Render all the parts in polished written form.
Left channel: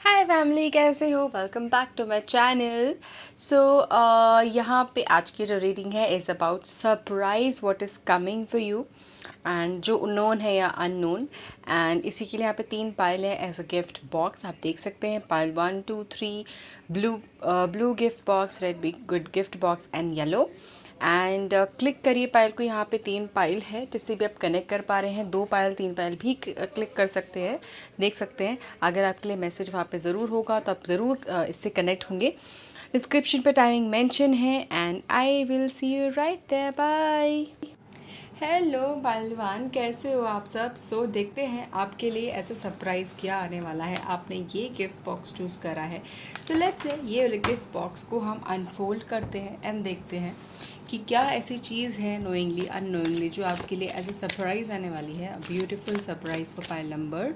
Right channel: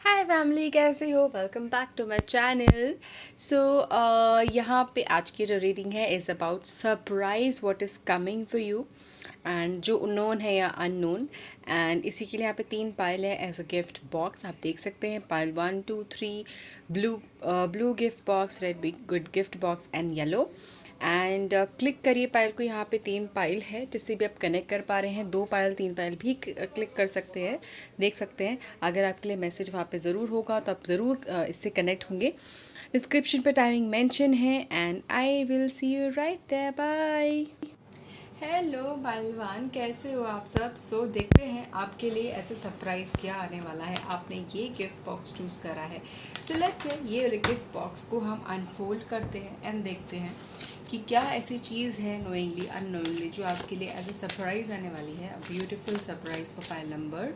हाय family, कैसे हो? Welcome back to my channel. So यहाँ पे आज की जो रीडिंग है is about surprise what is coming for you, and जो नोन है या अननोन। एंड इसी के लिए यहाँ पे 3 पाइल है एज अ गिफ्ट बॉक्स। आप देख सकते हैं pile 1 2 3, blue gift box, red big good gift box and yellow. And click करिए पाइल को। यहाँ पे 3 पाइल है जिससे भी आप कनेक्ट कर पा रहे हैं। 2 पाइल 3 पाइल भी क्लिक कर सकते हैं, देख सकते हैं। अगर आपके लिए मैसेज वहाँ पे ज़रूर होगा तो आप ज़रूर इससे कनेक्ट होंगे। डिस्क्रिप्शन पे टाइमिंग मेंशन है and I will see you right there. Bye. Hello पहलवान, कैसे हो आप सब? देखते हैं आपके लिए ऐसा सरप्राइज़ क्या आने वाला है। आपने ये गिफ्ट बॉक्स चूज़ करा है। लेट्स से ये वाले गिफ्ट बॉक्स को हम अनफोल्ड करते हैं एंड देखते हैं कि क्या ऐसी चीज़ है नोइंगली अननोइंगली जो आपके लिए एज ए सरप्राइज़ आने वाली है। Beautiful surprise for pile number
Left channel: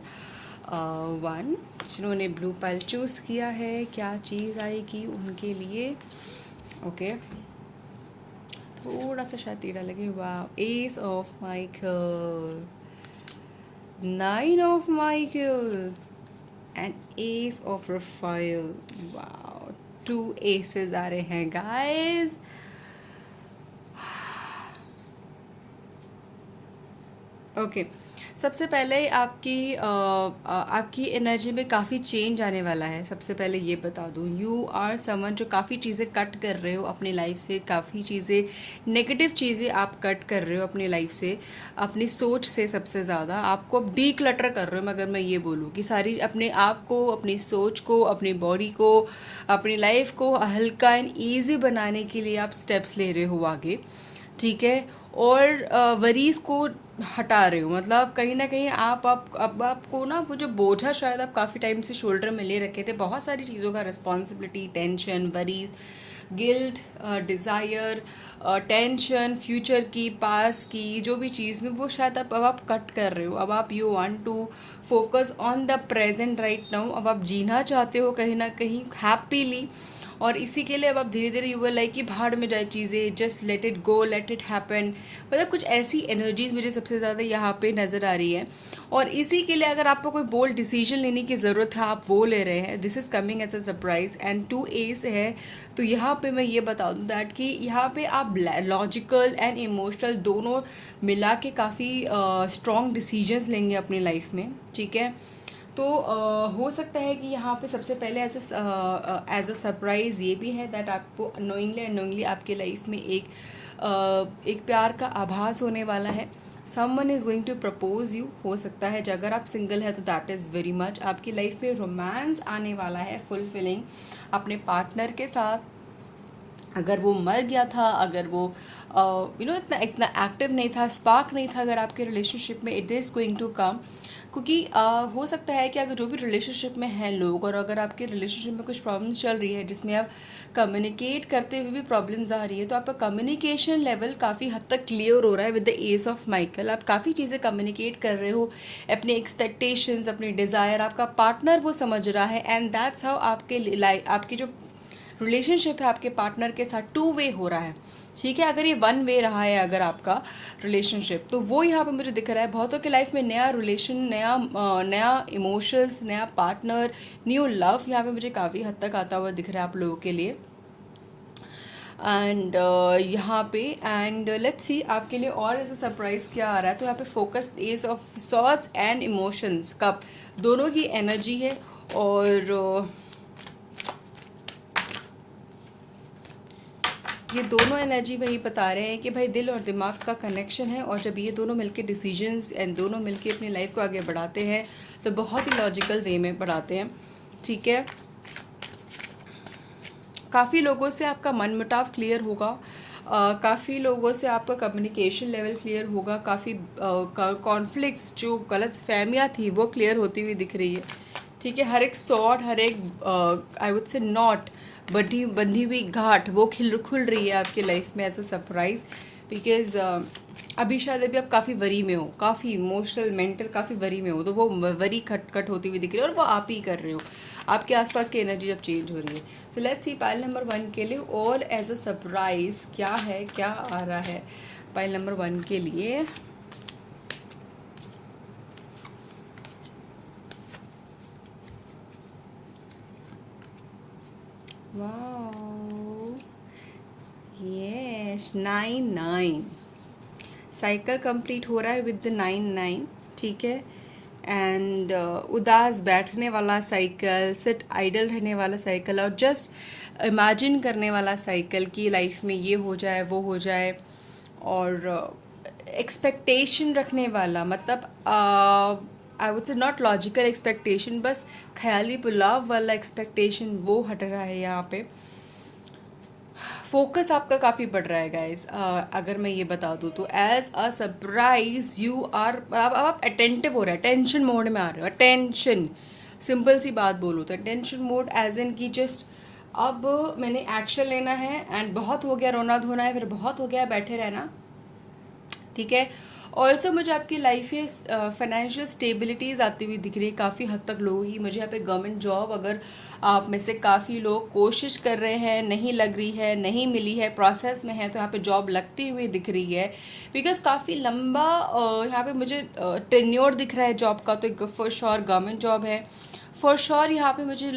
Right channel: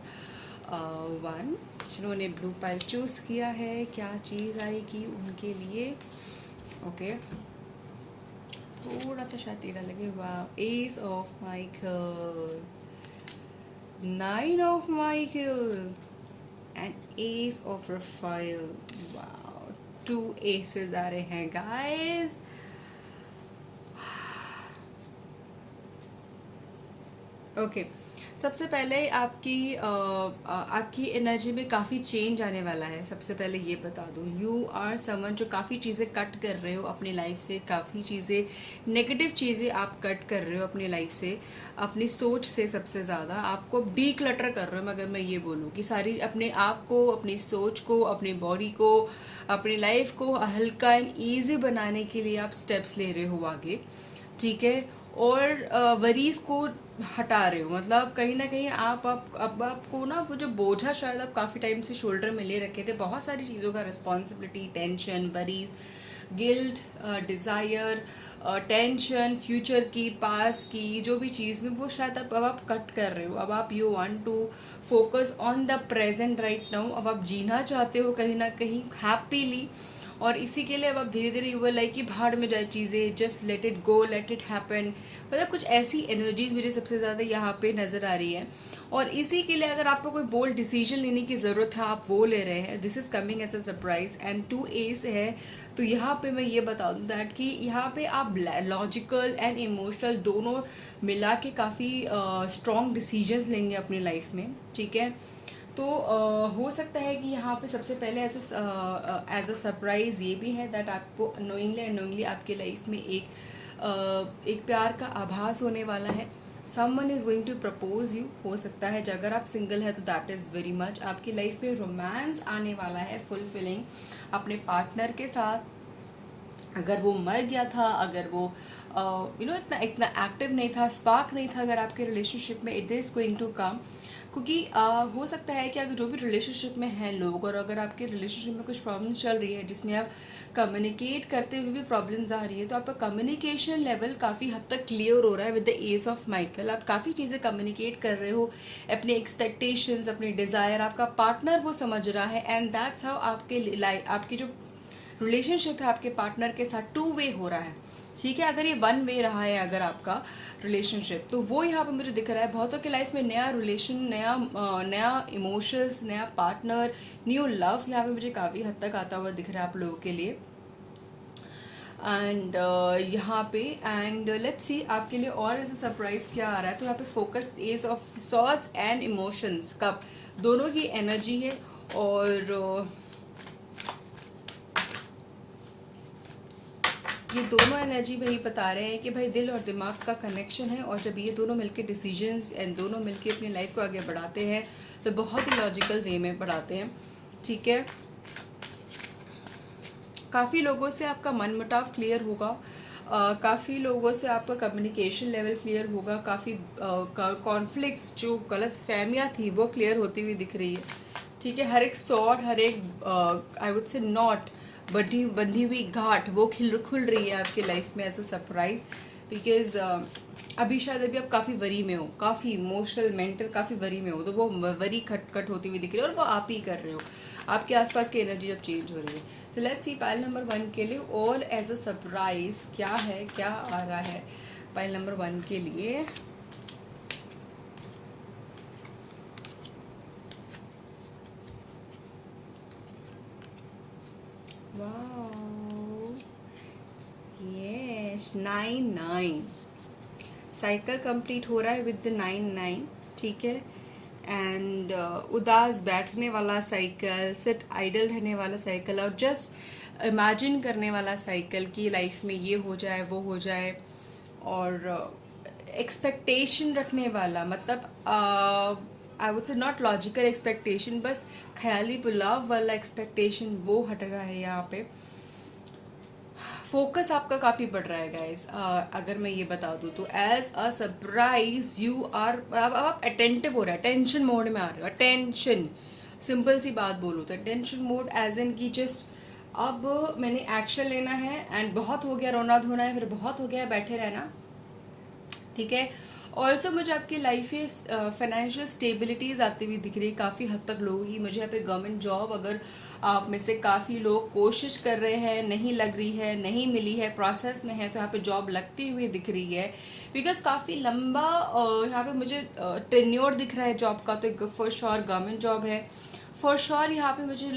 1। जिन्होंने ब्लू पाइल चूज़ किया है, क्या चीज़ आएगी उनके लिए? ओके, थोड़ा सा शायद टीड़ा लगे। वाह, S of Michael, 9 of Michael and S of Rafale. वाह, 2 एसेस आ रहे हैं गाइस। ओके, सबसे पहले आपकी एनर्जी में काफ़ी चेंज आने वाला है। सबसे पहले ये बता दूँ, यू आर समवन जो काफ़ी चीज़ें कट कर रहे हो अपनी लाइफ से। काफ़ी चीज़ें, नेगेटिव चीज़ें आप कट कर रहे हो अपनी लाइफ से, अपनी सोच से। सबसे ज़्यादा आपको अब डी क्लटर कर रहे हो। मगर मैं ये बोलूँ कि सारी अपने आप को, अपनी सोच को, अपनी बॉडी को, अपनी लाइफ को हल्का एंड ईजी बनाने के लिए आप स्टेप्स ले रहे हो आगे, ठीक है। और वरीज को हटा रहे हो। मतलब कहीं ना कहीं अब आपको ना वो जो बोझा शायद आप काफ़ी टाइम से शोल्डर में ले रखे थे, बहुत सारी चीज़ों का, responsibility, tension, worries, guilt, desire, tension, future की, पास की, जो भी चीज़ में, वो शायद अब आप कट कर रहे हो। अब आप you want to focus on the present right now. अब आप जीना चाहते हो कहीं ना कहीं हैप्पीली, और इसी के लिए अब आप धीरे धीरे यू लाइक कि भाड़ में जाए चीज़ें, just let it go, let it happen. मतलब कुछ ऐसी एनर्जीज मुझे सबसे ज़्यादा यहाँ पे नज़र आ रही है। और इसी के लिए अगर आपको कोई बोल्ड डिसीजन लेने की ज़रूरत है, आप वो ले रहे हैं। This is coming as a surprise and 2 S है। तो यहाँ पे मैं ये बता दूँ दैट कि यहाँ पे आप लॉजिकल एंड इमोशनल दोनों मिला के काफ़ी स्ट्रॉन्ग डिसीजंस लेंगे अपनी लाइफ में, ठीक है। तो हो सकता है कि यहाँ पे सबसे पहले एज अ सरप्राइज़ ये भी है दैट आपको नोइंगली अनोइंगली आपके लाइफ में एक प्यार का आभास होने वाला है। Someone is going to propose you. हो सकता है जो अगर आप सिंगल है तो दैट इज़ वेरी मच आपकी लाइफ में रोमांस आने वाला है, फुलफिलिंग अपने पार्टनर के साथ। अगर वो मर गया था, अगर वो इतना इतना एक्टिव नहीं था, स्पार्क नहीं था अगर आपके रिलेशनशिप में, it is going to come. क्योंकि हो सकता है कि अगर जो भी रिलेशनशिप में हैं लोग, और अगर आपके रिलेशनशिप में कुछ प्रॉब्लम्स चल रही है जिसमें आप कम्युनिकेट करते हुए भी प्रॉब्लम्स आ रही है, तो आपका कम्युनिकेशन लेवल काफ़ी हद तक क्लियर हो रहा है with the S of Michael. आप काफ़ी चीज़ें कम्युनिकेट कर रहे हो, अपने एक्सपेक्टेशंस, अपनी डिज़ायर, आपका पार्टनर वो समझ रहा है। एंड दैट्स हाउ आपके लाइफ, आपकी जो रिलेशनशिप है आपके पार्टनर के साथ 2 वे हो रहा है, ठीक है। अगर ये 1 वे रहा है अगर आपका रिलेशनशिप, तो वो यहाँ पे मुझे दिख रहा है। बहुतों की लाइफ में नया रिलेशन, नया इमोशंस, नया पार्टनर, न्यू लव यहाँ पे मुझे काफ़ी हद तक आता हुआ दिख रहा है आप लोगों के लिए। एंड यहाँ पे एंड लेट्स सी आपके लिए और ऐसा सरप्राइज क्या आ रहा है। तो यहाँ पे focus ace of swords and emotions, cup दोनों की एनर्जी है। और ये दोनों एनर्जी वही बता रहे हैं कि भाई दिल और दिमाग का कनेक्शन है, और जब ये दोनों मिलके डिसीजंस एंड दोनों मिलके अपनी लाइफ को आगे बढ़ाते हैं तो बहुत ही लॉजिकल वे में बढ़ाते हैं, ठीक है। काफ़ी लोगों से आपका मनमुटाव क्लियर होगा, काफ़ी लोगों से आपका कम्युनिकेशन लेवल क्लियर होगा, काफ़ी कॉन्फ्लिक्ट्स, जो गलत फहमियाँ थी वो क्लियर होती हुई दिख रही है, ठीक है। हर एक सॉर्ट, हर एक आई वुड से नॉट, बंधी हुई घाट वो खुल रही है आपकी लाइफ में एज अ सरप्राइज। बिकॉज अभी शायद अभी आप काफ़ी वरी में हो, काफ़ी इमोशनल, मेंटल काफ़ी वरी में हो, तो वो वरी खटखट होती हुई दिख रही है और वो आप ही कर रहे हो। आपके आसपास की एनर्जी जब चेंज हो रही है। तो लेट्स सी पाइल नंबर 1 के लिए और एज अ सरप्राइज क्या है, क्या आ रहा है पाइल नंबर 1 के लिए। वाओ, यस 9 साइकिल कंप्लीट हो रहा है विद द 9 ठीक है। एंड उदास बैठने वाला साइकिल, सिट आइडल रहने वाला साइकिल और जस्ट इमेजिन करने वाला साइकिल कि लाइफ में ये हो जाए वो हो जाए, और एक्सपेक्टेशन रखने वाला, मतलब आई वुड से नॉट लॉजिकल एक्सपेक्टेशन, बस ख्याली पुलाव वाला एक्सपेक्टेशन वो हट रहा है यहाँ पे। फोकस आपका काफ़ी बढ़ रहा है गाइस। अगर मैं ये बता दूँ तो as a surprise you are, अब आप अटेंटिव हो रहे हैं, टेंशन मोड में आ रहे हो। अटेंशन, सिंपल सी बात बोलूँ तो टेंशन मोड एज इन की जस्ट अब मैंने एक्शन लेना है, एंड बहुत हो गया रोना धोना है, फिर बहुत हो गया बैठे रहना, ठीक है। ऑल्सो मुझे आपकी लाइफ में फाइनेंशियल स्टेबिलिटीज़ आती हुई दिख रही है काफ़ी हद तक लोगों की। मुझे यहाँ पे गवर्नमेंट जॉब, अगर आप में से काफ़ी लोग कोशिश कर रहे हैं, नहीं लग रही है, नहीं मिली है, प्रोसेस में है, तो यहाँ पे जॉब लगती हुई दिख रही है। बिकॉज काफ़ी लंबा यहाँ पे मुझे टेन्योर दिख रहा है जॉब का, तो फॉर श्योर गवर्नमेंट जॉब है। फॉर श्योर यहाँ पे मुझे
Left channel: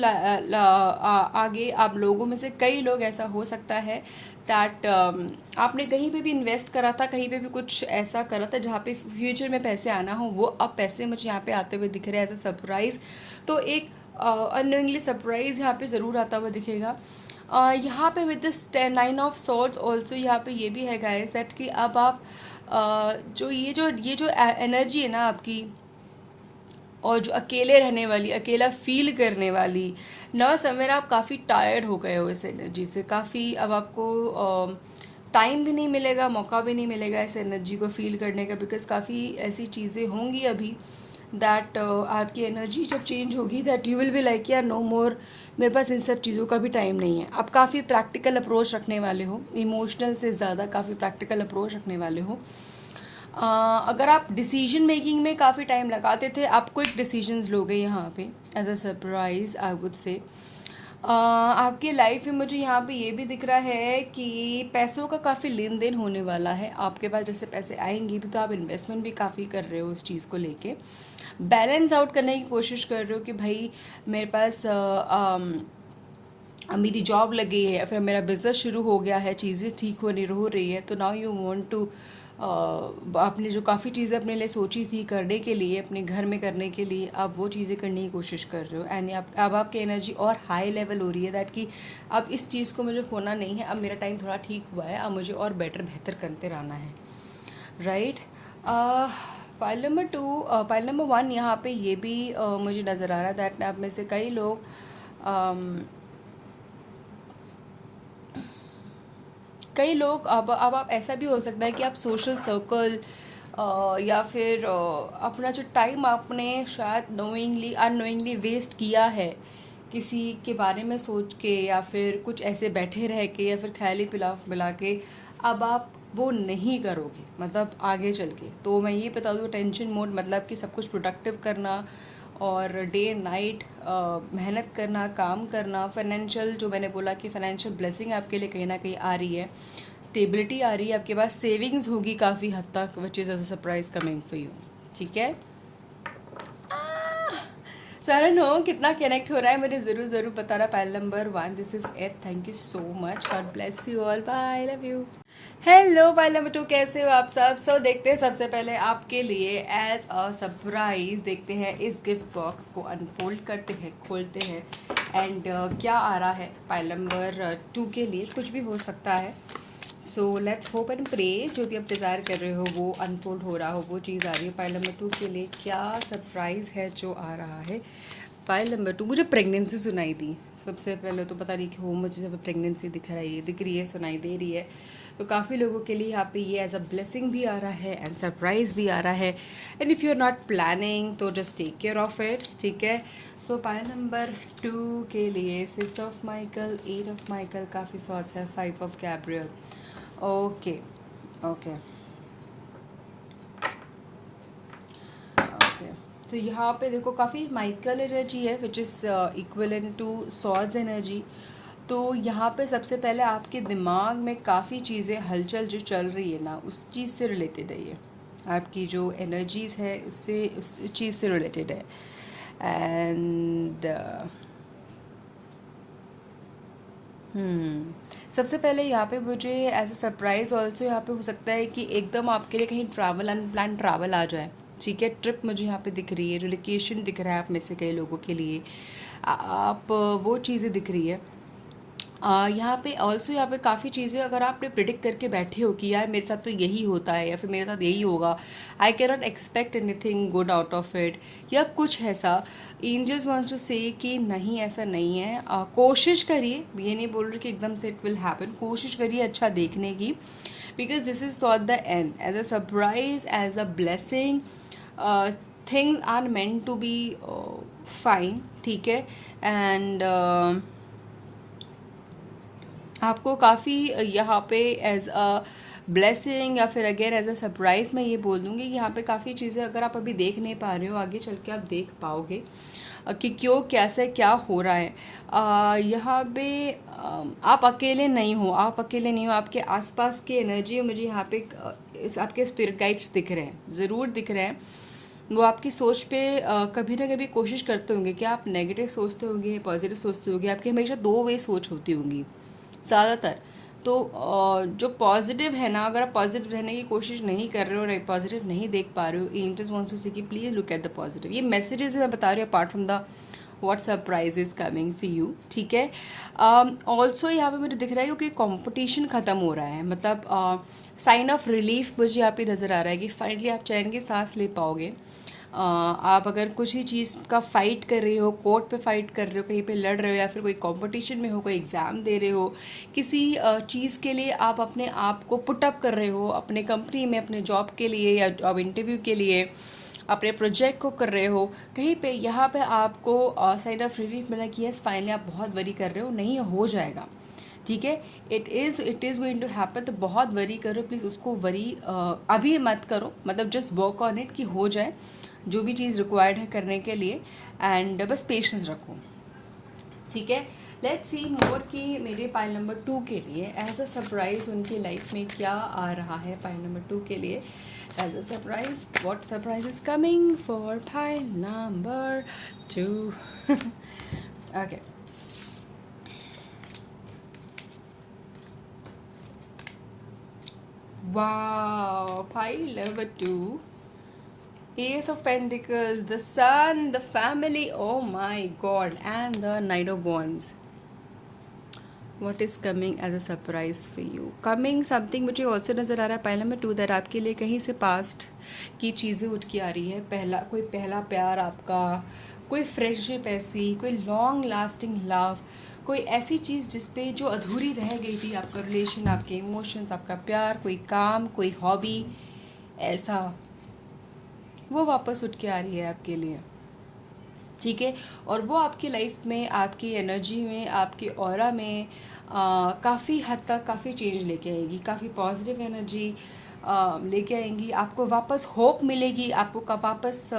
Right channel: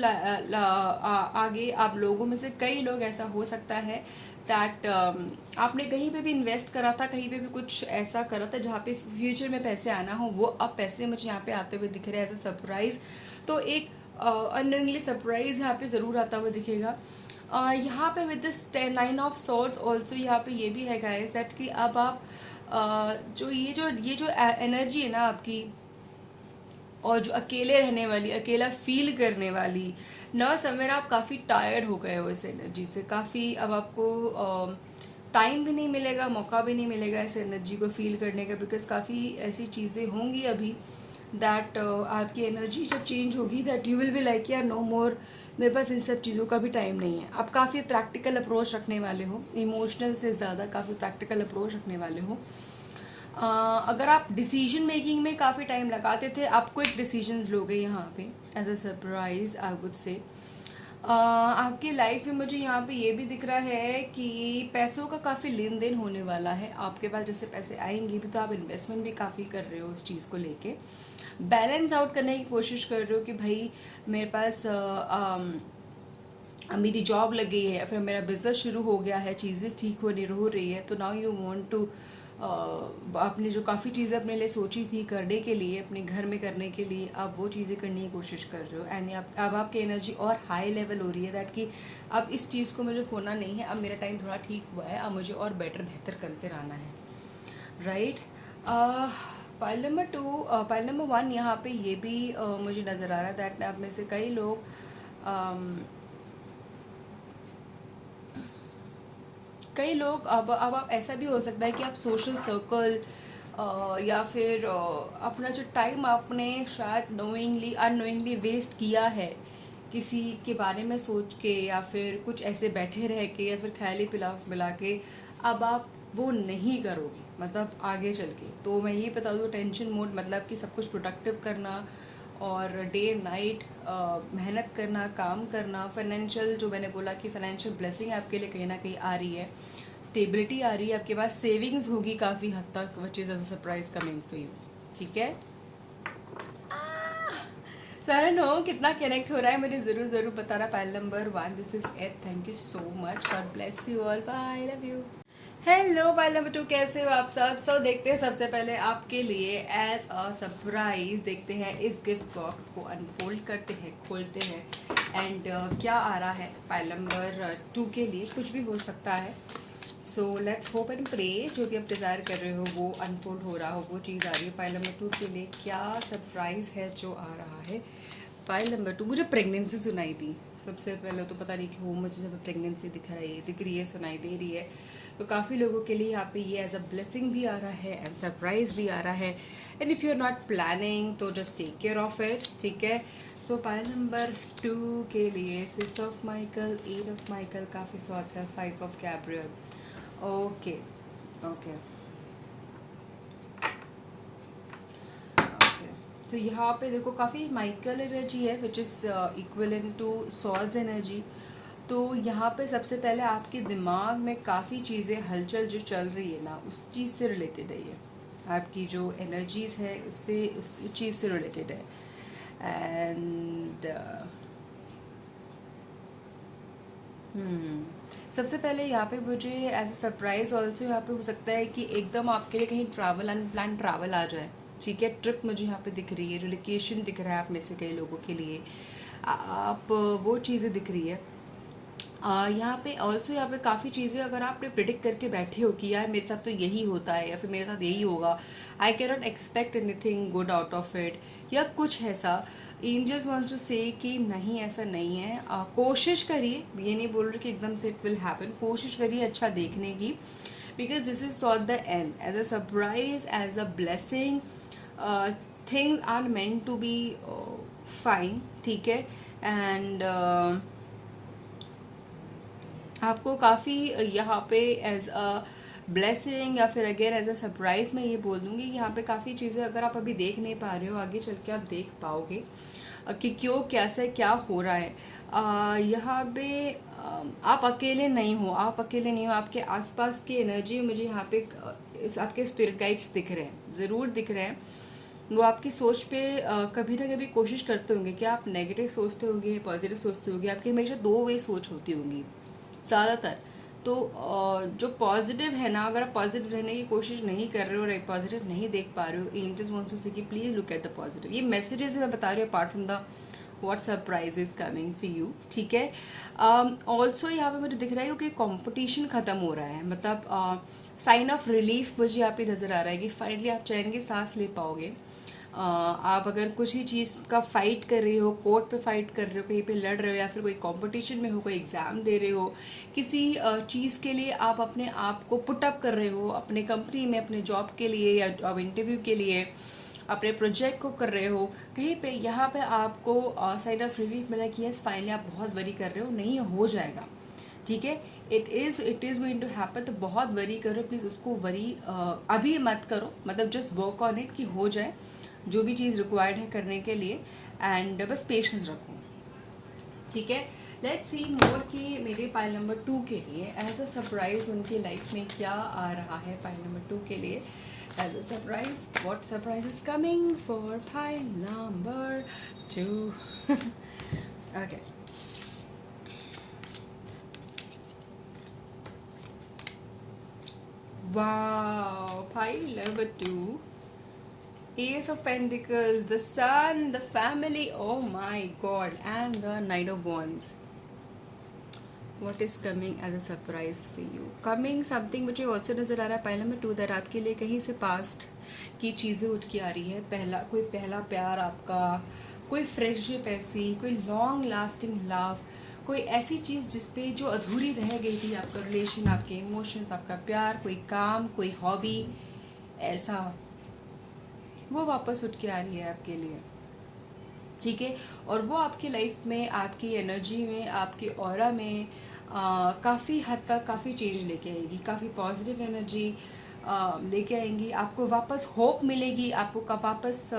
आगे आप लोगों में से कई लोग ऐसा हो सकता है दैट आपने कहीं पे भी इन्वेस्ट करा था, कहीं पे भी कुछ ऐसा करा था जहाँ पे फ्यूचर में पैसे आना हो, वो अब पैसे मुझे यहाँ पे आते हुए दिख रहे हैं एज अ सरप्राइज। तो एक अननोइंगली सरप्राइज यहाँ पे ज़रूर आता हुआ दिखेगा। यहाँ पे with this 9 of swords also यहाँ पे ये भी है गाइस दैट कि अब आप जो एनर्जी है ना आपकी, और जो अकेले रहने वाली, अकेला फील करने वाली न, समवेयर आप काफ़ी टायर्ड हो गए हो इस एनर्जी से। काफ़ी अब आपको टाइम भी नहीं मिलेगा, मौका भी नहीं मिलेगा इस एनर्जी को फील करने का, बिकॉज काफ़ी ऐसी चीज़ें होंगी अभी दैट आपकी एनर्जी जब चेंज होगी that you will be like यार नो मोर, मेरे पास इन सब चीज़ों का भी टाइम नहीं है। आप काफ़ी प्रैक्टिकल अप्रोच रखने वाले हो, इमोशनल से ज़्यादा काफ़ी प्रैक्टिकल अप्रोच रखने वाले हो। अगर आप डिसीजन मेकिंग में काफ़ी टाइम लगाते थे, आप क्विक डिसीजंस लोगे यहाँ पे as a surprise I would say. आपकी लाइफ में मुझे यहाँ पे ये भी दिख रहा है कि पैसों का काफ़ी लेन देन होने वाला है आपके पास। जैसे पैसे आएंगे भी तो आप इन्वेस्टमेंट भी काफ़ी कर रहे हो उस चीज़ को लेके, बैलेंस आउट करने की कोशिश कर रहे हो कि भाई मेरे पास मेरी जॉब लगी है, फिर मेरा बिजनेस शुरू हो गया है, चीज़ें ठीक हो रही है, तो नाउ यू वांट टू आपने जो काफ़ी चीज़ें अपने लिए सोची थी करने के लिए, अपने घर में करने के लिए, आप वो चीज़ें करने की कोशिश कर रहे हो। एंड अब आपकी एनर्जी और हाई लेवल हो रही है दैट कि अब इस चीज़ को मुझे खोना नहीं है, अब मेरा टाइम थोड़ा ठीक हुआ है, अब मुझे और बेहतर करते रहना है, right. Pile number 2, pile number 1 यहाँ पे ये भी मुझे नज़र आ रहा है दैट आप में से कई लोग अब आप ऐसा भी हो सकता है कि आप सोशल सर्कल या फिर अपना जो टाइम आपने शायद नोइंगली अननोइंगली वेस्ट किया है किसी के बारे में सोच के, या फिर कुछ ऐसे बैठे रह के, या फिर ख्याली पिलाफ मिला के, अब आप वो नहीं करोगे मतलब आगे चल के। तो मैं ये बता दूँ, टेंशन मोड मतलब कि सब कुछ प्रोडक्टिव करना और डे एंड नाइट मेहनत करना, काम करना, फाइनेंशियल जो मैंने बोला कि फाइनेंशियल ब्लेसिंग आपके लिए कहीं ना कहीं आ रही है, स्टेबिलिटी आ रही है, आपके पास सेविंग्स होगी काफ़ी हद तक, which is a surprise coming for you, ठीक है। सर नो कितना कनेक्ट हो रहा है मुझे ज़रूर बताना। Pile number 1 this is it, thank you so much, God bless you all, bye, love you. Hello pile number 2, कैसे हो आप सब? सो देखते हैं सबसे पहले आपके लिए एज अ सरप्राइज, देखते हैं इस गिफ्ट बॉक्स को अनफोल्ड करते हैं, खोलते हैं, एंड क्या आ रहा है पाइल नंबर 2 के लिए। कुछ भी हो सकता है, so let's hope and pray जो भी आप डिज़ायर कर रहे हो वो अनफोल्ड हो रहा हो, वो चीज़ आ रही है। पाइल नंबर 2 के लिए क्या सरप्राइज़ है जो आ रहा है? पाइल नंबर 2, मुझे प्रेगनेंसी सुनाई दी सबसे पहले, तो पता नहीं क्यों मुझे जब प्रेगनेंसी दिख रही है, सुनाई दे रही है, तो काफ़ी लोगों के लिए यहाँ पे ये एज अ ब्लेसिंग भी आ रहा है एंड सरप्राइज भी आ रहा है। And if you are not planning तो just take care of it, ठीक है। सो पाइल नंबर 2 के लिए 6 ऑफ माइकल, 8 ऑफ माइकल, काफ़ी सॉर्ट्स है, 5 ऑफ गैब्रियल। ओके ओके, तो यहाँ पे देखो काफ़ी माइकल एनर्जी है which is equivalent to swords energy. तो यहाँ पे सबसे पहले आपके दिमाग में काफ़ी चीज़ें हलचल जो चल रही है ना, उस चीज़ से रिलेटेड है ये, आपकी जो एनर्जीज़ है उससे, उस चीज़ से रिलेटेड है। एंड सबसे पहले यहाँ पे मुझे एज अ सरप्राइज़ ऑल्सो यहाँ पे हो सकता है कि एकदम आपके लिए कहीं ट्रैवल, अनप्लान ट्रैवल आ जाए। ठीक है, ट्रिप मुझे यहाँ पे दिख रही है, रिलोकेशन दिख रहा है आप में से कई लोगों के लिए। आप वो चीज़ें दिख रही है। यहाँ पे ऑल्सो यहाँ पे काफ़ी चीज़ें अगर आपने प्रिडिक्ट करके बैठे हो कि यार मेरे साथ तो यही होता है या फिर मेरे साथ यही होगा, I can not expect anything good out of it, या कुछ ऐसा, एंजल्स वांट्स टू से कि नहीं ऐसा नहीं है। कोशिश करिए, ये नहीं बोल रही कि एकदम से इट विल हैपन, कोशिश करिए अच्छा देखने की, because this is not the end, as a surprise, as a blessing, things are meant to be fine. ठीक है, एंड आपको काफ़ी यहाँ पे एज अ ब्लेसिंग या फिर अगेन एज अ सरप्राइज़ मैं ये बोल दूँगी कि यहाँ पे काफ़ी चीज़ें अगर आप अभी देख नहीं पा रहे हो, आगे चल के आप देख पाओगे कि क्यों कैसे क्या हो रहा है। यहाँ पे आप अकेले नहीं हो, आप अकेले नहीं हो, आपके आसपास के एनर्जी मुझे यहाँ पे आपके स्पिरिट गाइड्स दिख रहे हैं, ज़रूर दिख रहे हैं। वो आपकी सोच पे कभी ना कभी कोशिश करते होंगे कि आप नेगेटिव सोचते होंगे, पॉजिटिव सोचते होंगे, आपकी हमेशा दो वे सोच होती होंगी ज़्यादातर। तो जो पॉजिटिव है ना, अगर आप पॉजिटिव रहने की कोशिश नहीं कर रहे हो और पॉजिटिव नहीं देख पा रहे हो, एंजल्स वांट्स टू से कि please look at the positive. ये मैसेजेस मैं बता रही हूँ apart from the what surprise is coming for you. ठीक है, ऑल्सो यहाँ पे मुझे दिख रहा है क्योंकि कंपटीशन ख़त्म हो रहा है, मतलब साइन ऑफ रिलीफ मुझे यहाँ पे नज़र आ रहा है कि फाइनली आप चैन की सांस ले पाओगे। आप अगर कुछ ही चीज़ का फाइट कर रहे हो, कोर्ट पे फाइट कर रहे हो, कहीं पे लड़ रहे हो, या फिर कोई कंपटीशन में हो, कोई एग्ज़ाम दे रहे हो, किसी चीज़ के लिए आप अपने आप को पुटअप कर रहे हो, अपने कंपनी में, अपने जॉब के लिए या जॉब इंटरव्यू के लिए, अपने प्रोजेक्ट को कर रहे हो, कहीं पे यहाँ पे आपको साइड ऑफ रिलीफ मिला कि यस फाइनली आप बहुत वरी कर रहे हो, नहीं हो जाएगा। ठीक है, it is going to happen. तो बहुत वरी करो प्लीज़, उसको वरी अभी मत करो, मतलब जस्ट वर्क ऑन इट कि हो जाए जो भी चीज़ रिक्वायर्ड है करने के लिए, एंड बस पेशेंस रखो। ठीक है, लेट्स सी मोर कि मेरे पाइल नंबर 2 के लिए एज अ सरप्राइज उनकी लाइफ में क्या आ रहा है। पाइल नंबर 2 के लिए as a surprise, what surprise is coming for pile number 2। Okay, wow, pile number 2, Ace of Pentacles, the Sun, the family, oh my god, and the Knight of Wands. What is coming as a surprise for you? Coming something मुझे also नज़र आ रहा है pile number 2 that आपके लिए कहीं से past की चीज़ें उठ के आ रही है। कोई पहला प्यार आपका, कोई फ्रेंडशिप ऐसी, कोई लॉन्ग लास्टिंग लव, कोई ऐसी चीज़ जिस पे जो अधूरी रह गई थी, आपका रिलेशन, आपके इमोशंस, आपका प्यार, कोई काम, कोई हॉबी, ऐसा वो वापस उठ के आ रही है आपके लिए। ठीक है, और वो आपकी लाइफ में, आपकी एनर्जी में, आपके ऑरा में काफ़ी हद तक काफ़ी चेंज लेके आएगी, काफ़ी पॉजिटिव एनर्जी लेके आएंगी। आपको वापस होप मिलेगी, आपको वापस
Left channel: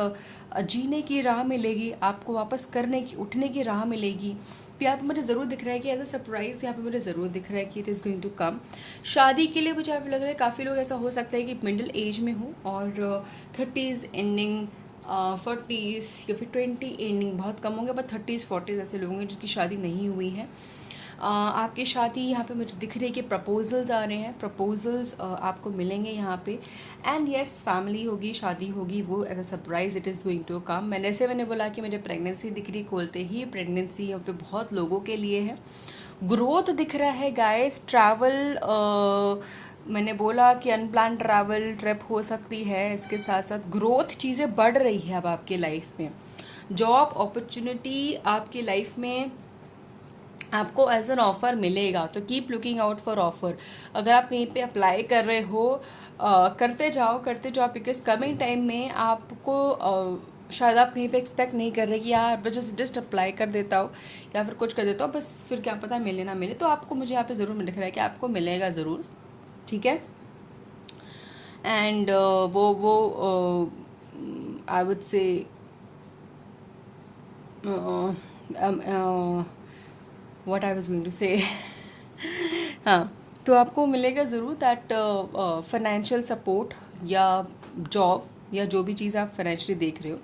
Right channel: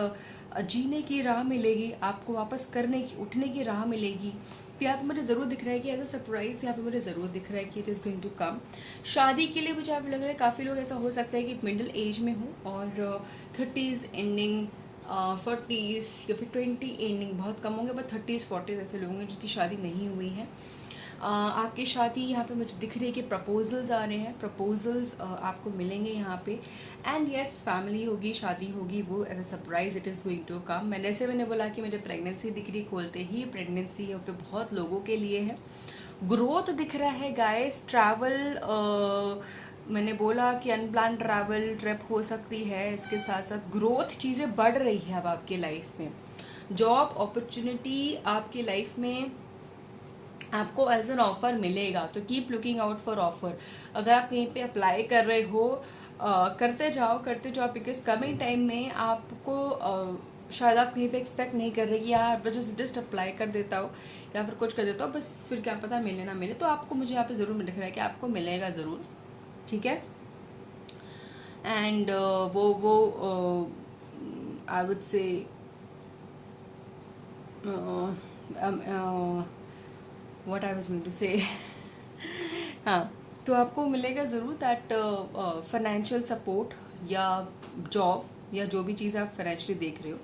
जीने की राह मिलेगी, आपको वापस करने की, उठने की राह मिलेगी। तो यहाँ पे मुझे ज़रूर दिख रहा है कि एज अ सरप्राइज यहाँ पे मुझे ज़रूर दिख रहा है कि it is going to come. शादी के लिए मुझे यहाँ पे लग रहा है काफ़ी लोग ऐसा हो सकता है कि मिडिल एज में हो और 30s एंडिंग, 40s या फिर 20 एंडिंग, बहुत कम होंगे, बट 30s 40s ऐसे लोग हैं जिनकी शादी नहीं हुई है। आपकी शादी यहाँ पे मुझे दिख रही है कि प्रपोजल्स आ रहे हैं, प्रपोजल्स आपको मिलेंगे यहाँ पे, एंड यस फैमिली होगी, शादी होगी, वो as a surprise it is going to come. मैंने बोला कि मुझे प्रेगनेंसी दिख रही, खोलते ही प्रेगनेंसी यहाँ पे बहुत लोगों के लिए है। ग्रोथ दिख रहा है गाइस, ट्रैवल, मैंने बोला कि अनप्लान ट्रैवल ट्रिप हो सकती है, इसके साथ साथ ग्रोथ, चीज़ें बढ़ रही है अब आपके लाइफ में। जॉब अपॉर्चुनिटी आपकी लाइफ में आपको एज एन ऑफ़र मिलेगा, तो keep looking out for offer. अगर आप कहीं पे अप्लाई कर रहे हो, करते जाओ, बिकॉज कमिंग टाइम में आपको शायद आप कहीं पे एक्सपेक्ट नहीं कर रहे कि यार बस जस्ट अप्लाई कर देता हूँ या फिर कुछ कर देता हूँ, बस फिर क्या पता मिले ना मिले। तो आपको, मुझे यहाँ पे ज़रूर दिख रहा है कि आपको मिलेगा ज़रूर। ठीक है, एंड वो I would say what I was going to say हाँ, तो आपको मिलेगा ज़रूर दैट फाइनेंशियल सपोर्ट या जॉब या जो भी चीज़ आप फाइनेंशियली देख रहे हो,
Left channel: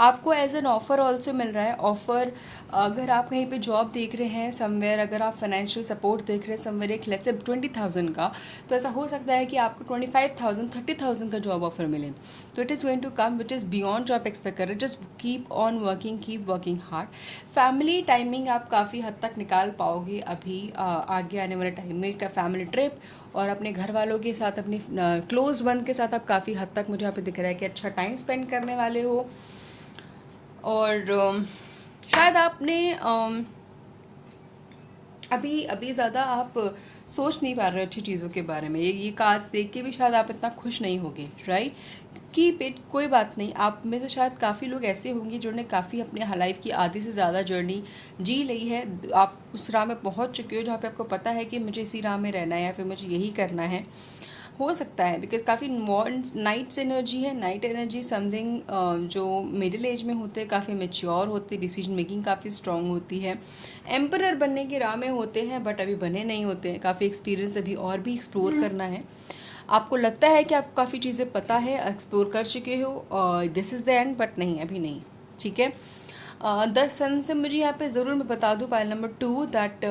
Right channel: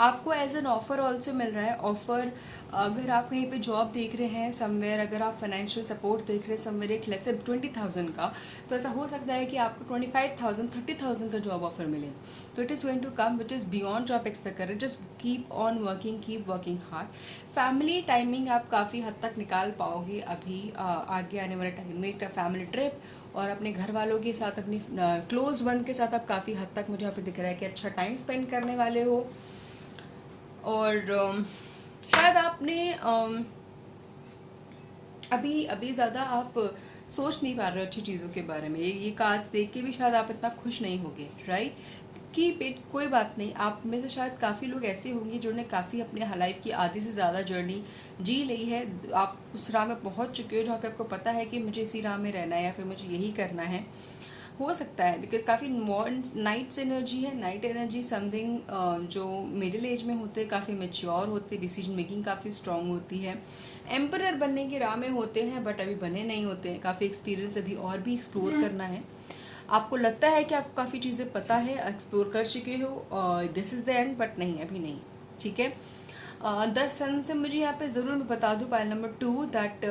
आपको एज एन ऑफ़र ऑल्सो मिल रहा है। ऑफ़र अगर आप कहीं पे जॉब देख रहे हैं समवेयर, अगर आप फाइनेंशियल सपोर्ट देख रहे हैं समवेयर, एक लेट्स से 20,000 का, तो ऐसा हो सकता है कि आपको 25,000 30,000 का जॉब ऑफर मिले। तो it is going to come which is beyond जो आप एक्सपेक्ट कर रहे हैं। Just keep on working, keep working hard. Family timing आप काफ़ी हद तक निकाल पाओगे अभी आगे आने वाले टाइम में। का फैमिली ट्रिप और अपने घर वालों के साथ, अपनी क्लोज वन के साथ आप काफ़ी हद तक मुझे यहाँ पे दिख रहा है कि अच्छा टाइम स्पेंड करने वाले हो। और शायद आपने अभी अभी ज़्यादा आप सोच नहीं पा रहे अच्छी चीज़ों के बारे में। ये कार्ड्स देख के भी शायद आप इतना खुश नहीं होगे, राइट? कीप इट, कोई बात नहीं। आप में से शायद काफ़ी लोग ऐसे होंगे जिन्होंने काफ़ी अपने लाइफ की आधी से ज़्यादा जर्नी जी ली है। आप उस राह में पहुंच चुके हो जहाँ पे आपको पता है कि मुझे इसी राह में रहना है या फिर मुझे यही करना है। हो सकता है बिकॉज काफ़ी नाइट्स एनर्जी है। नाइट एनर्जी समथिंग जो मिडिल एज में होते हैं, काफ़ी मेच्योर होते हैं, डिसीजन मेकिंग काफ़ी स्ट्रांग होती है। एम्परर बनने की राह में होते हैं बट अभी बने नहीं होते हैं। काफ़ी एक्सपीरियंस अभी और भी एक्सप्लोर करना है। आपको लगता है कि आपको काफ़ी चीज़ें पता है, एक्सप्लोर कर चुके हो, this is the end, but नहीं, अभी नहीं, ठीक है। 10 सन से मुझे यहाँ पे ज़रूर मैं बता दूँ पाइल नंबर 2 दैट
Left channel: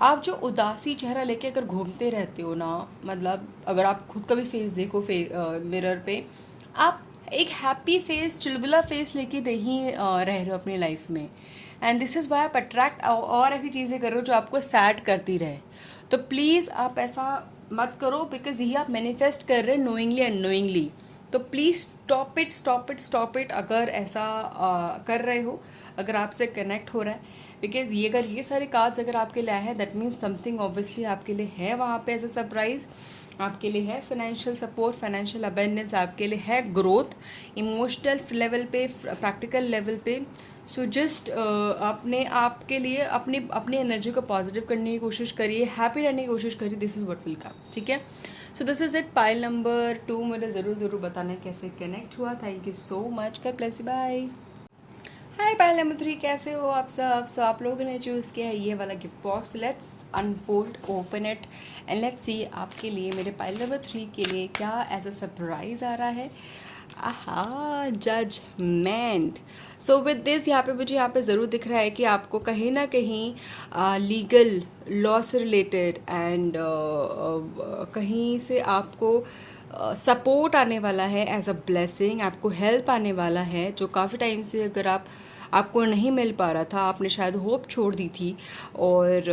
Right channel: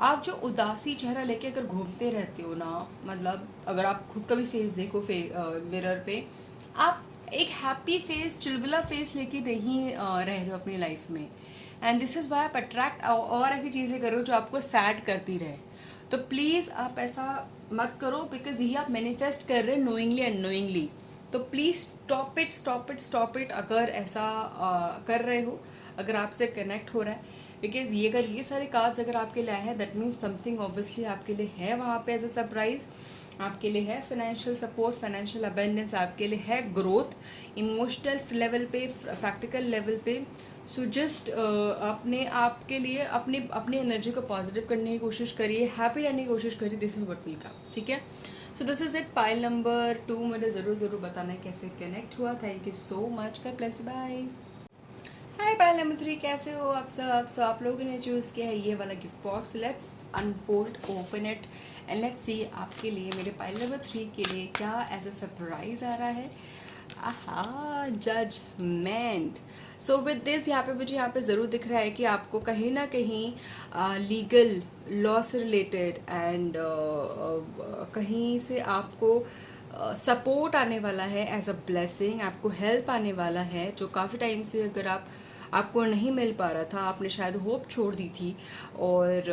आप जो उदासी चेहरा लेके अगर घूमते रहते हो ना, मतलब अगर आप खुद का भी फेस देखो मिरर पे, आप एक हैप्पी फेस, चुलबुला फेस लेके नहीं रह रहे हो अपनी लाइफ में। एंड दिस इज़ वाई आप अट्रैक्ट और ऐसी चीज़ें करो जो आपको सैड करती रहे। तो प्लीज़ आप ऐसा मत करो बिकॉज ये आप मैनिफेस्ट कर रहे हैं नोइंगली अननोइंगली। तो please stop it, stop it, stop it. अगर ऐसा कर रहे हो, अगर आपसे कनेक्ट हो रहा है, बिकॉज ये अगर ये सारे कार्ड्स अगर आपके लिए आए हैं दैट मीन्स समथिंग ऑब्वियसली आपके लिए है वहाँ पे एज अ सरप्राइज। आपके लिए है फाइनेंशियल सपोर्ट, फाइनेंशियल अबेंडेंस, आपके लिए है ग्रोथ इमोशनल लेवल पे, प्रैक्टिकल लेवल पे। सो जस्ट अपने आप के लिए अपनी एनर्जी को पॉजिटिव करने की कोशिश करिए, हैप्पी रहने की कोशिश करिए। This is what will come, ठीक है। So this is it. Pile number 2 मुझे ज़रूर बताना कैसे कनेक्ट हुआ। Thank you so much. God bless you, bye. Hi pile number 3, कैसे हो आप सब? सो आप लोगों ने चूज़ किया है ये वाला gift box. Let's unfold, open it and let's see आपके लिए, मेरे पाइल नंबर 3 के लिए क्या एज अ सरप्राइज आ रहा है। आहा, जजमेंट। सो विद दिस यहाँ पे ज़रूर दिख रहा है कि आपको कहीं ना कहीं लीगल लॉ से रिलेटेड एंड कहीं से आपको सपोर्ट आने वाला है एज अ ब्लेसिंग। आपको हेल्प आने वाला है जो काफ़ी टाइम से अगर आपको नहीं मिल पा रहा था, आपने शायद होप छोड़ दी थी। और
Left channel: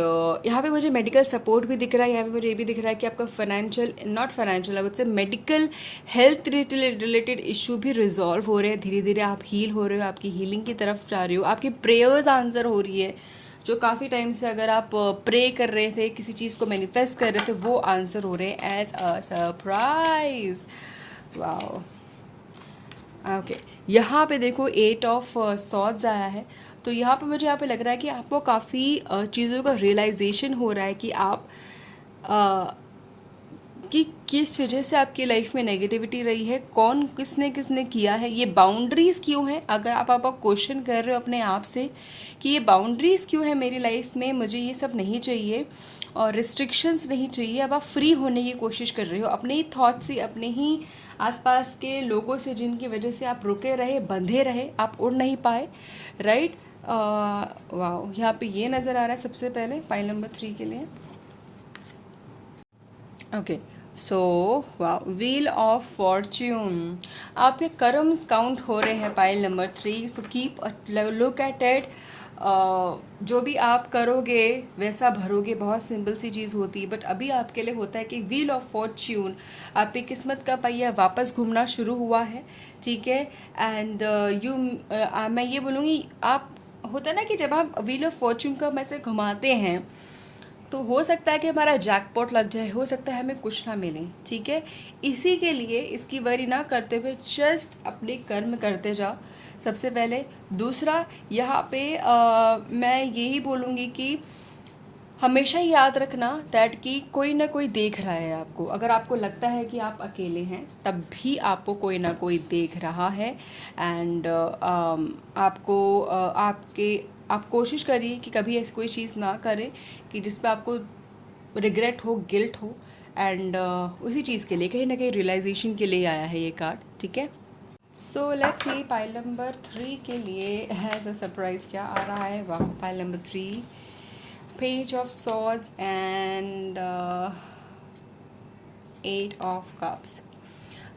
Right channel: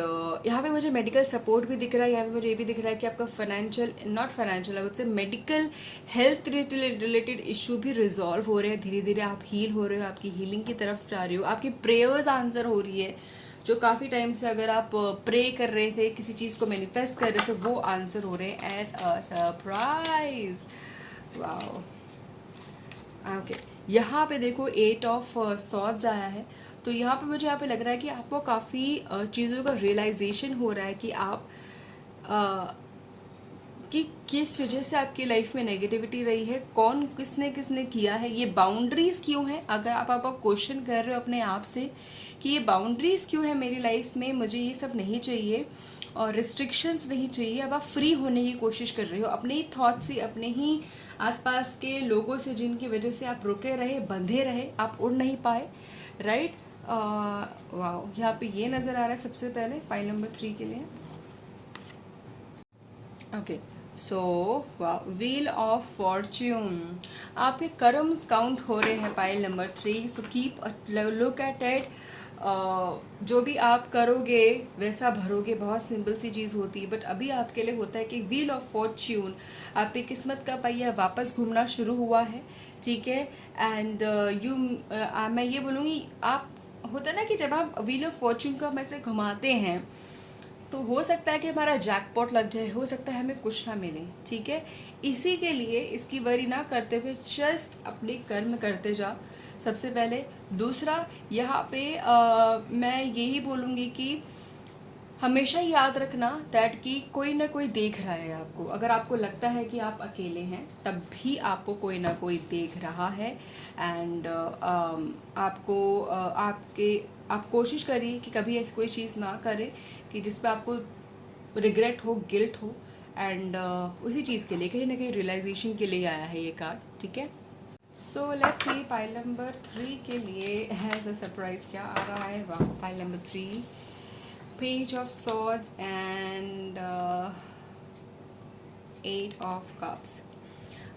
यहाँ पे मुझे मेडिकल सपोर्ट भी दिख रहा है। यहाँ पे मुझे ये भी दिख रहा है कि आपका financial, not financial, I would से मेडिकल हेल्थ रिलेटेड इशू भी रिजॉल्व हो रहे हैं। धीरे धीरे आप हील हो रहे हो, आपकी हीलिंग की तरफ जा रहे हो, आपकी प्रेयर्स आंसर हो रही है। जो काफ़ी टाइम से अगर आप प्रे कर रहे थे, किसी चीज़ को मैनिफेस्ट कर रहे थे, वो आंसर हो रहे हैं as a surprise. Wow, okay. यहाँ पे देखो 8 ऑफ सॉर्ड्स आया है। तो यहाँ पे मुझे यहाँ पे लग रहा है कि आपको काफ़ी चीज़ों का रियलाइजेशन हो रहा है कि आप कि किस वजह से आपकी लाइफ में नेगेटिविटी रही है, कौन किसने किया है, ये बाउंड्रीज़ क्यों है। अगर आप क्वेश्चन कर रहे हो अपने आप से कि ये बाउंड्रीज़ क्यों है मेरी लाइफ में, मुझे ये सब नहीं चाहिए और रिस्ट्रिक्शंस नहीं चाहिए। अब आप फ्री होने की कोशिश कर रहे हो अपने ही थॉट से, अपने ही आसपास के लोगों से जिनकी वजह से आप रुके रहे, बंधे रहे, आप उड़ नहीं पाए, राइट। वाह, यहाँ पे ये नज़र आ रहा है सबसे पहले पाइल नंबर 3 के लिए। ओके, सो वाह, व्हील ऑफ फॉर्च्यून, आपके कर्म्स काउंट हो रहे हैं pile number 3। So keep look at it. जो भी आप करोगे वैसा भरोगे, बहुत सिंपल सी चीज़ होती है। बट अभी आपके लिए होता है कि व्हील ऑफ फॉर्च्यून, आपकी किस्मत का पहिया वापस घूमना शुरू हुआ है, ठीक है। एंड मैं ये बोलूँगी, आप होता है ना कि जब आप व्हील ऑफ फॉर्च्यून का में से घुमाते हैं तो हो सकता है कि हमारा जैकपॉट लग जाए, हो सकता है हमें कुछ ना मिले, ठीक है। इसी के लिए इसकी वरी ना करते हुए जस्ट अपने कर्म करते जाओ सबसे पहले। दूसरा, यहाँ पे मैं यही बोलूँगी कि हमेशा याद रखना दैट कि कोई ना कोई देख रहा है आपको। अगर आपको लगता है कि आप अकेले हैं तब भी आपको कोई ना कोई देख रहा है। एंड आप कोशिश करिए कि कभी ऐसी कोई चीज़ ना करें कि जिस पे आपको रिग्रेट हो, गिल्ट हो। एंड उसी चीज़ के लिए कहीं ना कहीं रियलाइजेशन के लिए आया है ये कार्ड, ठीक है। So let's see pile number 3 के लिए हैज़ अ सरप्राइज क्या आ रहा है। वाह, pile number 3, page of swords and 8 of cups.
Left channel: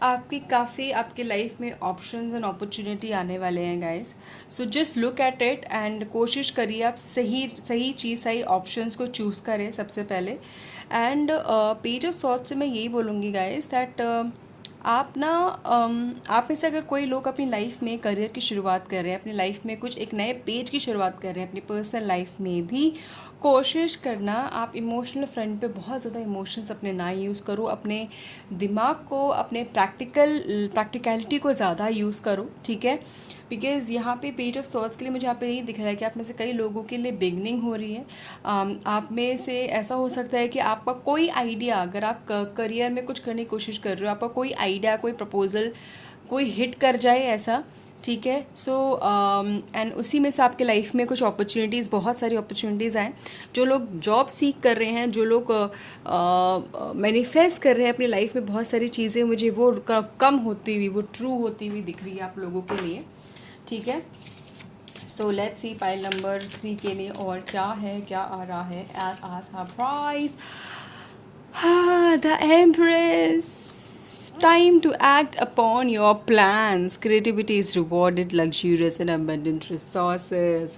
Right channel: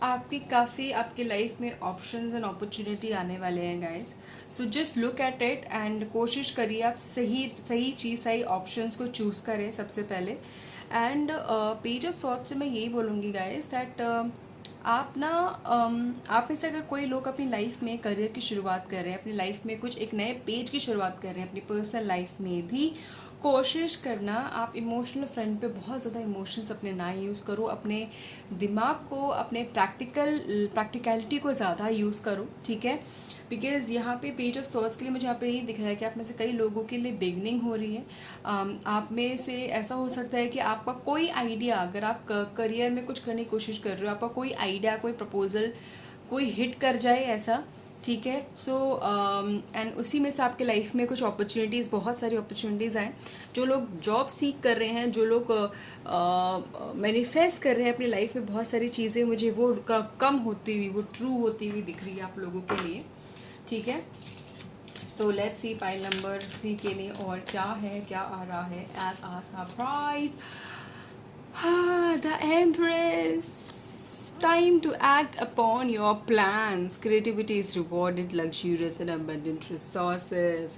आपकी काफ़ी आपके लाइफ में ऑप्शंस एंड अपॉर्चुनिटी आने वाले हैं guys. So just look at it and कोशिश करिए आप सही सही चीज़, सही ऑप्शंस को चूज़ करें सबसे पहले। एंड पेज ऑफ सॉर्ट से मैं यही बोलूँगी गाइस दैट आप ना आप में से अगर कोई लोग अपनी लाइफ में करियर की शुरुआत कर रहे हैं, अपनी लाइफ में कुछ एक नए पेज की शुरुआत कर रहे हैं, अपनी पर्सनल लाइफ में भी कोशिश करना आप इमोशनल फ्रंट पे बहुत ज़्यादा इमोशंस अपने ना यूज़ करो, अपने दिमाग को, अपने प्रैक्टिकलिटी को ज़्यादा यूज़ करो, ठीक है। बिकॉज़ यहाँ पे पेज ऑफ सॉर्ट्स के लिए मुझे यहाँ पे यही दिख रहा है कि आप में से कई लोगों के लिए बिगनिंग हो रही है। आप में से ऐसा हो सकता है कि आपका कोई आइडिया, अगर आप करियर में कुछ करने की कोशिश कर रहे हो, आपका कोई आइडिया, कोई प्रपोजल कोई हिट कर जाए ऐसा, ठीक है। सो एंड उसी में से आपके लाइफ में कुछ अपॉर्चुनिटीज़, बहुत सारी अपॉर्चुनिटीज़ आएँ। जो लोग जॉब सीख कर रहे हैं, जो लोग मैनिफेस्ट कर रहे हैं अपनी लाइफ में बहुत सारी चीज़ें, मुझे वो कम होती हुई, वो ट्रू होती हुई दिख रही है आप लोगों के लिए, ठीक है। So let's see pile number 3 के लिए और क्या है, क्या आ रहा है as a surprise. The empress, time to act upon your plans. Creativity is rewarded, luxurious and abundant resources.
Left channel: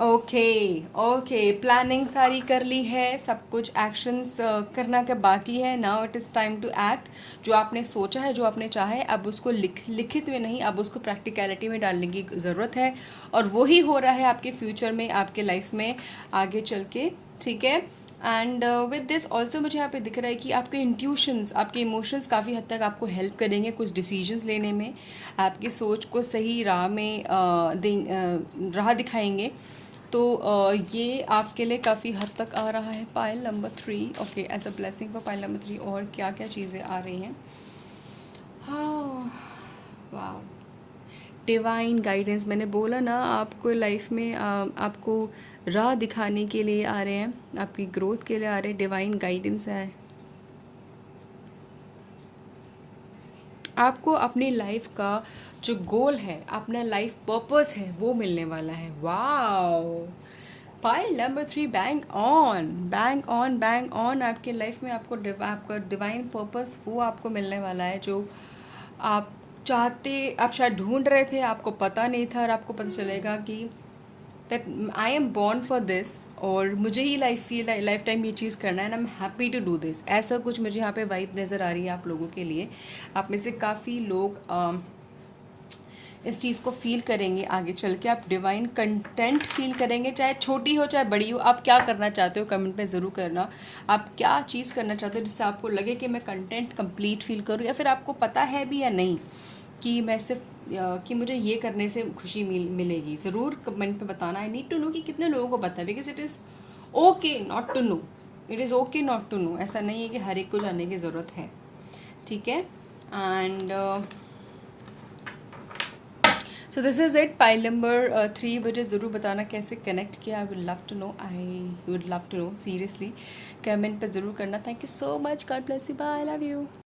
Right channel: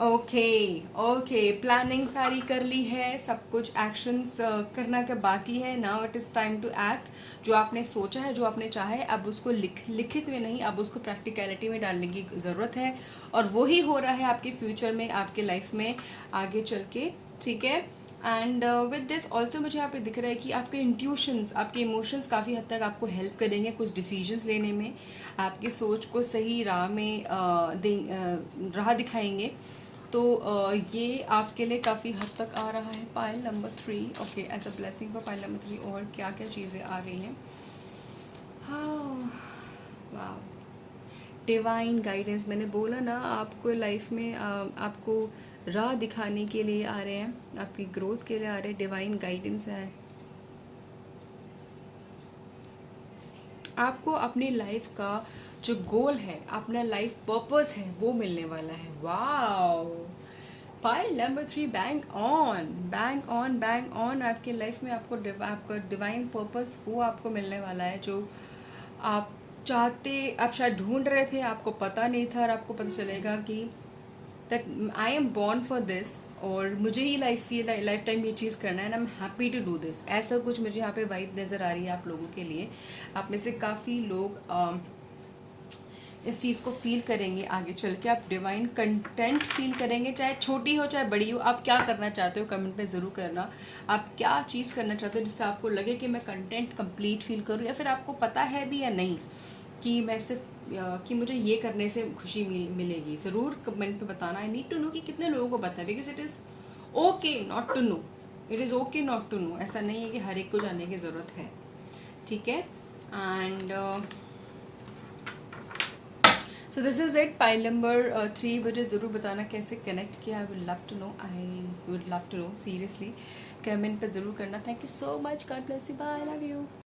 Okay, planning सारी कर ली है, सब कुछ एक्शंस करना का बाकी है। Now it is time to act. जो आपने सोचा है, जो आपने चाहा है, अब उसको लिखित में नहीं, अब उसको प्रैक्टिकलिटी में डालने की ज़रूरत है। और वही हो रहा है आपके फ्यूचर में, आपके लाइफ में आगे चल के, ठीक है। एंड विद दिस ऑल्सो मुझे यहाँ पे दिख रहा है कि आपके इंट्यूशंस, आपके इमोशंस काफ़ी हद तक आपको हेल्प करेंगे कुछ डिसीजंस लेने में, आपकी सोच को सही राह में राह दिखाएंगे। तो ये आपके लिए काफ़ी हद तक आ रहा है pile number 3। Okay, as a blessing for pile number 3। और क्या क्या चीज़ें आ रही हैं। हाँ, वाह, डिवाइन गाइडेंस। मैंने बोला ना, आपको लाइफ में आपको राह दिखाने के लिए आ रहे हैं, आपकी ग्रोथ के लिए आ रहे हैं। डिवाइन गाइडेंस है, आपको अपनी लाइफ का जो गोल है, अपना लाइफ पर्पस है, वो मिलने वाला है। Wow, pile number 3, bank on, bank on, bank on. आपकी लाइफ में आपको आपका डिवाइन पर्पस वो आपको मिलने वाला है, जो आप चाहते, आप शायद ढूंढ रहे थे, आपको पता नहीं था, और आपको पता चलेगा कि that I am born for this, और मुझे ही लाइफ टाइम ये चीज़ करना है, and I am happy to do this. ऐसा कुछ मुझे यहाँ पे वाइब नज़र आ रही है आप लोगों के लिए। आप में से काफ़ी लोग इस चीज़ को फील करेंगे आगे चल के। आप डिवाइन कंटेंट फील करेंगे, चाहे छोटी हो चाहे बड़ी हो। आप क्या करना चाहते हो कमेंट में ज़रूर करना। आप क्या चीज़ करना चाहते हो जिससे आपको लगे कि मैं कंटेंट कंप्लीट फील करूँ, या फिर आपको पता है भी या नहीं कि मैं सिर्फ कि मुझे ये करने से खुशी मिलेगी। ज़रूर कमेंट में बताना। आई नीड टू नो कि कितने लोगों को पता है, because it is okay not to know, it is okay not to know. ऐसा नहीं है कि हर एक को जानने की ज़रूरत है, ठीक है। And so this is it, pile number 3। मुझे ज़रूर बताना कैसे कनेक्ट किया। I would love to know, I would love to know seriously. Comment पर ज़रूर करना। Thank you so much, God bless you, bye, I love you.